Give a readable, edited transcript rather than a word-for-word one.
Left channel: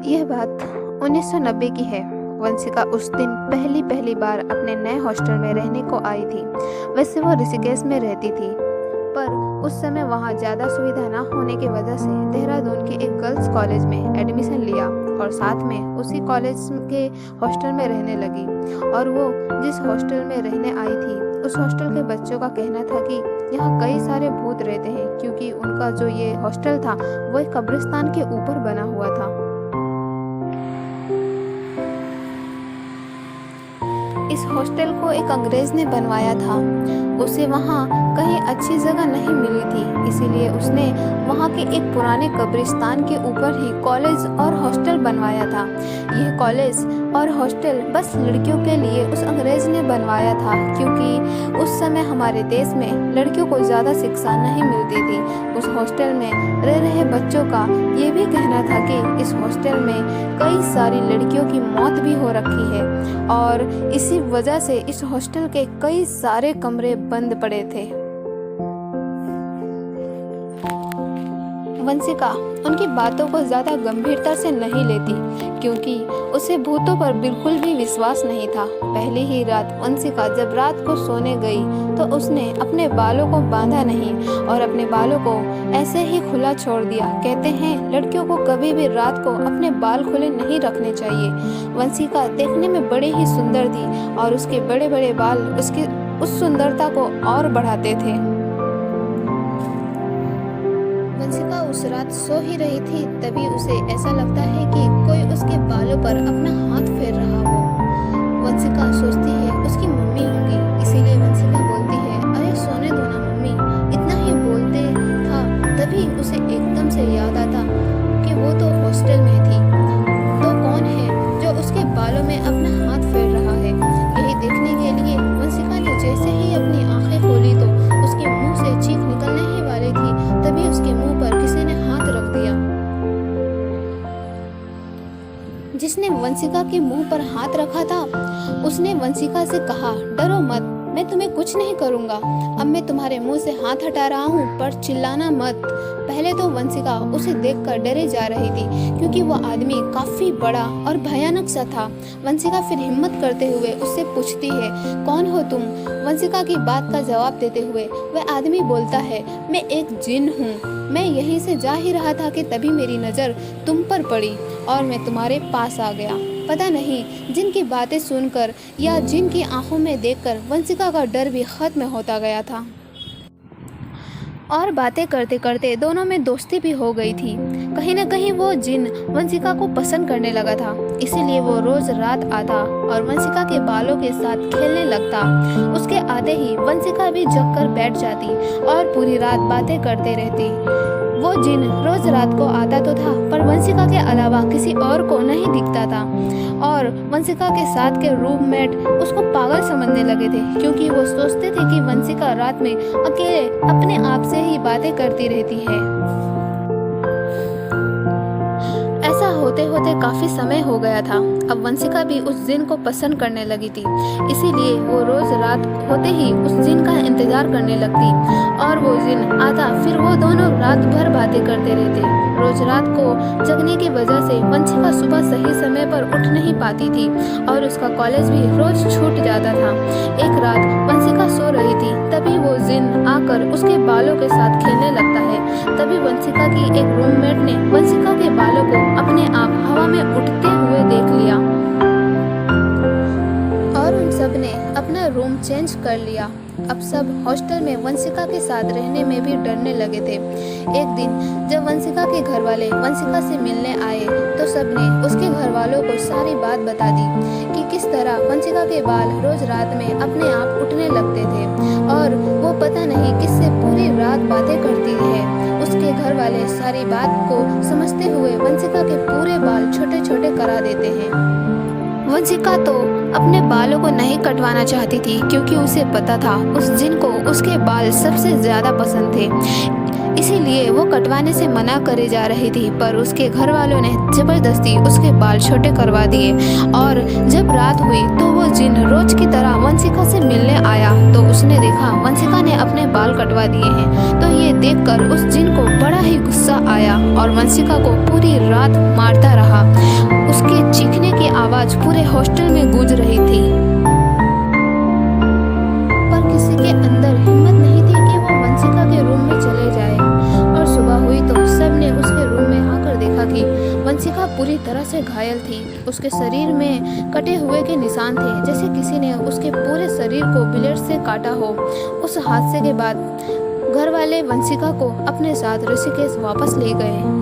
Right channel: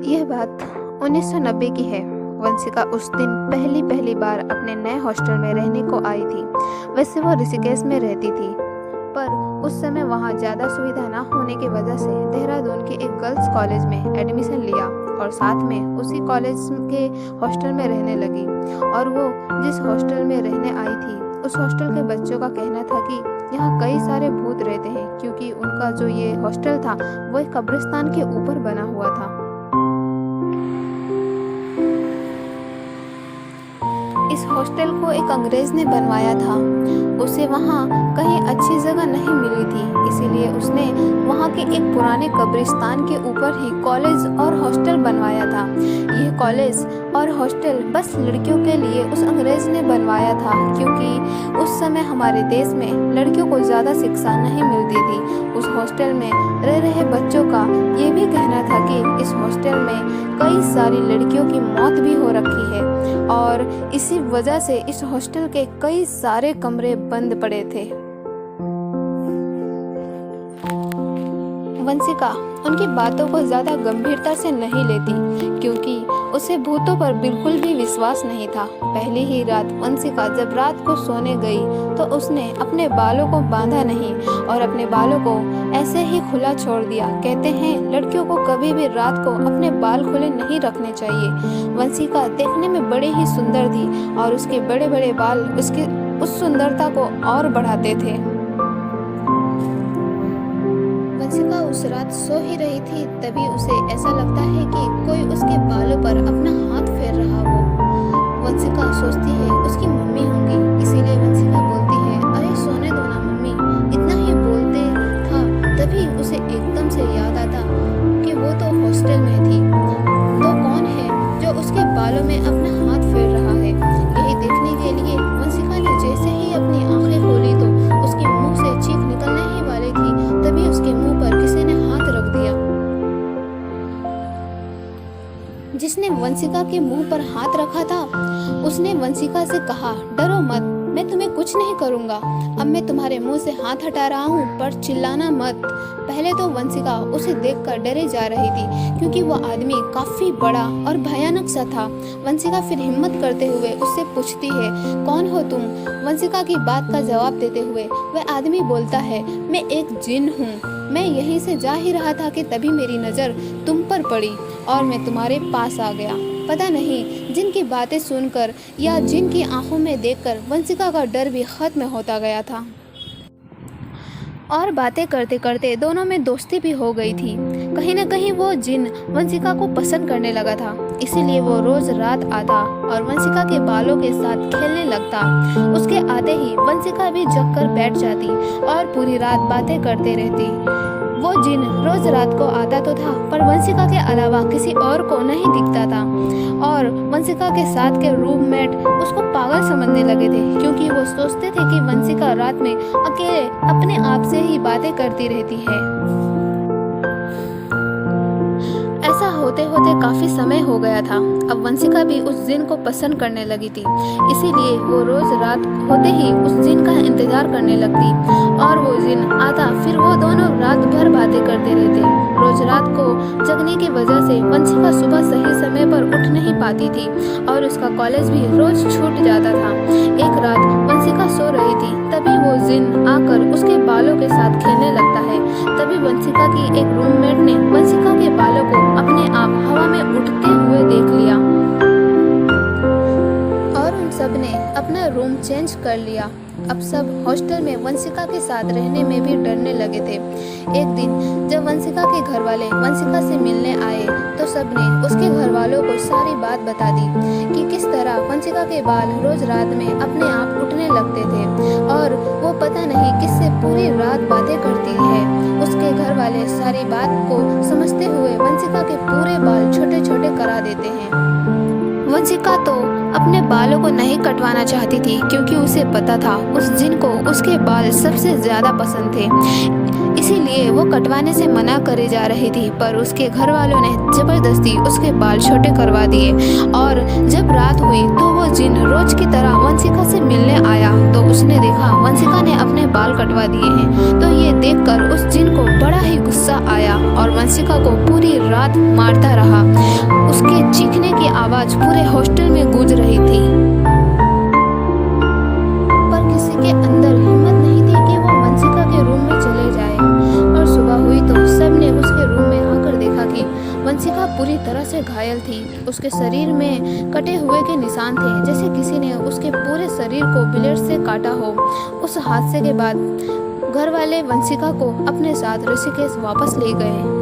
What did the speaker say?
यह बात 1990 की है। वंशिका उस दिन पहली बार अपने नए हॉस्टल में रहने को आई थी। वैसे वो ऋषिकेश में रहती थी, पर उस समय वहाँ ज़्यादा सुविधा ना होने की वजह से देहरादून के एक गर्ल्स कॉलेज में एडमिशन लिया और साथ में उसी कॉलेज के हॉस्टल में रहने लगी। और वो जिस हॉस्टल में रहने आई थी, उस हॉस्टल के बच्चों का कहना था कि यहाँ कई सारे भूत रहते हैं, क्योंकि उनका जो ये हॉस्टल था वो एक कब्रिस्तान के ऊपर बना हुआ था। इस हॉस्टल को एक अंग्रेज ने बनवाया था। उसे वहाँ कहीं अच्छी जगह नहीं मिली थी, इसीलिए उसने वहाँ के एक पुराने कब्रिस्तान के ऊपर ही कॉलेज और हॉस्टल बनवाया था। यह कॉलेज और हॉस्टल बस लड़कियों के लिए उस अंग्रेज ने बनवाया था, क्योंकि उस समय हमारे देश में लड़कियों को ज़्यादा शिक्षा नहीं मिलती थी। उस हॉस्टल में रह रहे बच्चों का ये भी कहना था कि इस हॉस्टल में कई सारी लड़कियों की मौत भी हो रखी है और इसी वजह से इस हॉस्टल के कई सारे कमरे बंद पड़े थे। वंशिका उनकी बातों को ज़्यादा गंभीरता से नहीं लेती, क्योंकि उसे भूतों पर बिल्कुल भी विश्वास नहीं था। पहली ही रात वंशिका जब रात को सोने गई तो उसने अपने बालों को बांधा नहीं और अपने बालों को ऐसे ही खुला छोड़ दिया। कहते हैं लड़कियों को कभी भी रात को अपने बाल खुले नहीं रखने चाहिए। वंशिका देखने में बड़ी ही सुंदर थी और उसके बड़े बड़े बाल उसकी उस सुंदरता को और बढ़ाते थे। वंशिका उस रात सो ही रही थी, तभी उसे ऐसा लगता है कि कोई उसके बालों पर अपना हाथ फेर रहा हो। वंशिका सोचती है उसकी मम्मी होंगी, इसीलिए वंशिका बोलती है, अरे सोने दो ना मम्मी। इतना ही बोलते था तभी उसे एकदम से याद आता कि वो तो हॉस्टल में थी, तो कौन है जो उसके बालों में अपना हाथ फेर रहा है। यही देखने के लिए वंशिका ने जैसे ही अपनी आंखें खोली तो उसके मुंह से चीख निकलने ही वाली थी, तभी उसके मुंह पर किसी ने हाथ रख दिया। जिसने वंशिका के मुंह पर हाथ रखा था उसने वंशिका से कहा, डरो मत, मैं तुम्हें कुछ नहीं करूंगा। अब मैं तुम्हारे मुंह से हाथ हटा रहा हूँ, पर चिल्लाना मत। पहले तो वंशिका उसे देखकर डरे जा रही थी, क्योंकि वह आदमी काफी बड़ा और भयानक सा था। वंशिका फिर हिम्मत करते हुए उससे पूछती है, कौन हो तुम? वंशिका की बात का जवाब देते हुए वह आदमी बोलता है, मैं एक जिन हूँ। मैं यहीं से जा ही रहा था कि तभी मेरी नज़र तुम पर पड़ी और मैं तुम्हारे पास आ गया। पता नहीं जिनकी बातें सुनकर या जिनकी आंखों में देखकर वंशिका का डर भी खत्म होता गया था और बातें करते करते दोनों में दोस्ती भी हो गई थी। कहीं न कहीं वो जिन वंशिका को पसंद करने लगा था, इसीलिए वो रोज रात आता और वंशिका के बालों के साथ खेलने लगता। उसके आते ही वंशिका भी जग कर बैठ जाती और पूरी रात बातें करते रहती। वो जिन रोज रात को आता तो था, पर वंशिका के अलावा किसी और को नहीं दिखता था और वंशिका के साथ के रूममेट उसको पागल समझने लगे थे, क्योंकि वो सोचते थे कि वंशिका रात में अकेले अपने आप से ही बातें करती रहती है। ऐसा होते होते काफी समय हो गया था। अब वंशिका भी उस जिन को पसंद करने लगी थी, इसीलिए वो रोज रात होते ही उस जिन का इंतजार करने लगती और वो जिन आता, फिर वो दोनों रात भर बातें करते रहते। रोज रात को जगने की वजह से वंशिका सुबह सही समय पर उठ नहीं पाती थी और उसका कॉलेज भी रोज छूट जाता था। एक रात वंशिका सो रही थी, तभी वो जिन आकर उसके बालों के साथ खेलने लगता है। तभी वंशिका की एक रूममेट ने वंशिका के बालों को अपने आप हवा में उठते हुए देख लिया और उन सब ने अपना रूम चेंज कर लिया। अब सब हॉस्टल में वंशिका के साथ रहने में भी डरने लगे थे। एक दिन जब वंशिका के घर वाले वंशिका से मिलने आए तो सबने उसके घर वालों को सारी बात बता दी कि किस तरह वंशिका के बाल रोज रात में अपने आप उठने लगते थे और वो पता नहीं किससे पूरी रात बातें करती है। उसके घर वाले सारी बात को समझते हुए वंशिका के पूरे बाल छोटे छोटे करा देते हैं। वंशिका तो अपने बालों को नहीं कटवाना चाहती थी, क्योंकि उसे पता था उस जिन को उसके बाल सबसे ज़्यादा पसंद थे। इसीलिए वो कटवाने से मना करे जा रही थी, पर उसके घर वालों ने जबरदस्ती उसके बाल छोटे करवा दिए। और जब रात हुई तो वो जिन रोज की तरह वंशिका से मिलने आया तो उसने देखा वंशिका ने अपने बाल कटवा दिए हैं। तो ये देखकर उस जिन को बड़ा ही गुस्सा आया और वंशिका को पूरी रात मारता रहा। उसके चीखने की आवाज पूरे हॉस्टल में गूंज रही थी, पर किसी के अंदर हिम्मत नहीं थी कि वो वंशिका के रूम में चले जाए। और सुबह हुई तो सबने उसके रूम में आकर देखा कि वंशिका पूरी तरह से घायल थी। उसके शरीर में कटे हुए के निशान थे, जैसे किसी ने उसके पूरे शरीर को ब्लेड से काटा हो। उस हादसे के बाद घर वाले वंशिका को अपने साथ ऋषिकेश वापस ले गए।